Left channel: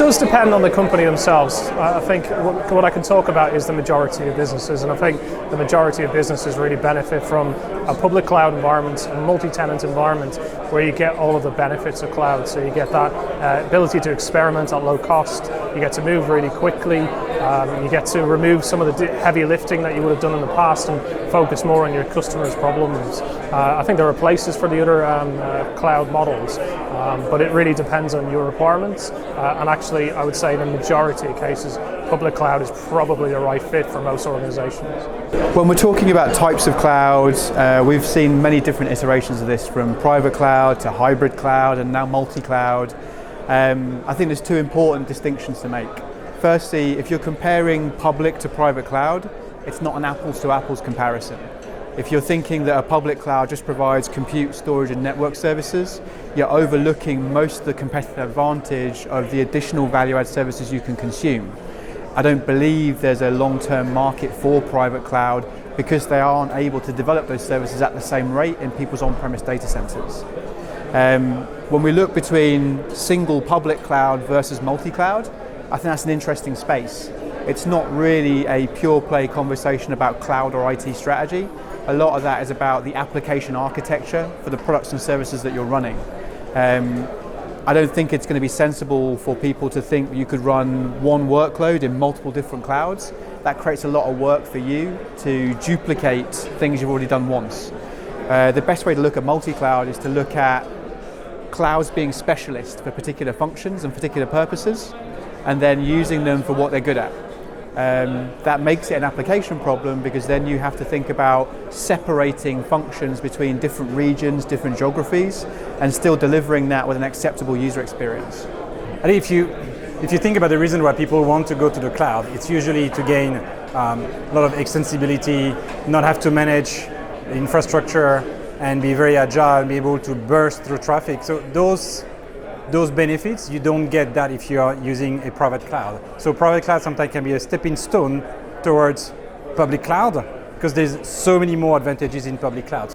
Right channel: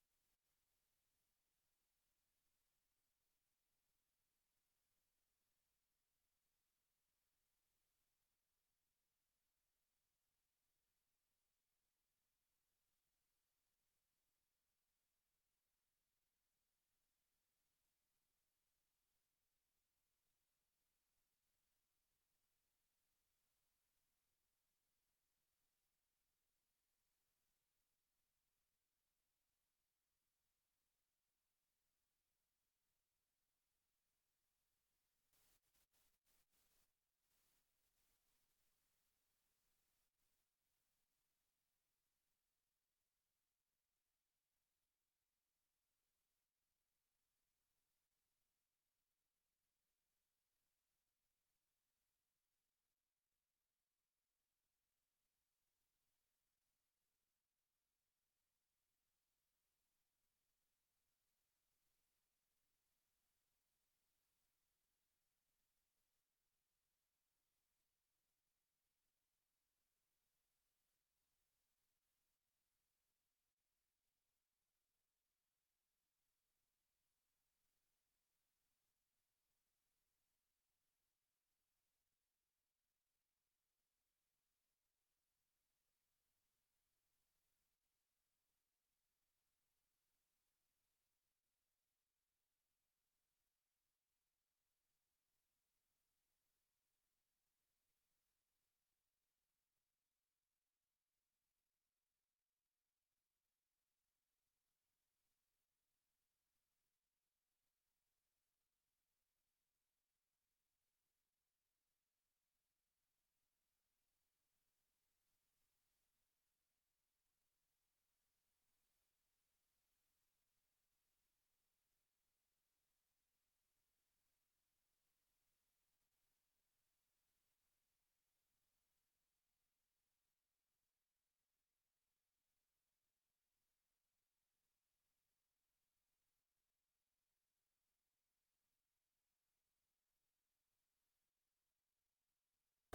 does depend on the company themselves. I think what I can talk about is the majority of businesses, and I think the majority of businesses really benefit from a public cloud environment, a multi-tenant environment, where you get all of the benefits of cloud. So you get that ability to experiment at low cost, you get to move really quickly, you get to remove some of the heavy lifting that you would have done in the past and focus more on your customers' problems. I think there are places for the other cloud models, but it really depends on your requirements. And actually, I would say in the majority of cases, public cloud is probably the right fit for most organizations. When we're talking about types of clouds, we've seen many different iterations of this, from private cloud to hybrid cloud and now multi-cloud. I think there's two important distinctions to make. Firstly, if you're comparing public to private cloud, it's not an apples to apples comparison. If you're thinking that a public cloud just provides compute, storage and network services, you're overlooking most of the competitive advantage of the additional value-add services you can consume. I don't believe there's a long-term market for private cloud because they aren't able to develop those services at the same rate in people's on-premise data centers. When we look between single public cloud versus multi-cloud, I think that's an interesting space. It's not really a pure play conversation about cloud or IT strategy. A lot of that is about the application architecture for the products and services that you're running. I don't think it's going to be sensible for people to think you could run one workload in multiple different clouds. That creates a lot of work for you to duplicate things you've already done once. The best way to look at multi-cloud is to look at clouds being specialists for particular functions and particular purposes, and then using them for what they're good at. That makes it an application problem because then you have to think about separating functions between different regions, different geographies, and still delivering that with an acceptable user experience. I think if you think about the reason why people want to go to the cloud, it's usually to gain a lot of extensibility, not have to manage the infrastructure, and be very agile and be able to burst through traffic. So those benefits, you don't get that if you are using a private cloud. So private cloud sometimes can be a stepping stone towards public cloud because there's so many more advantages in public cloud.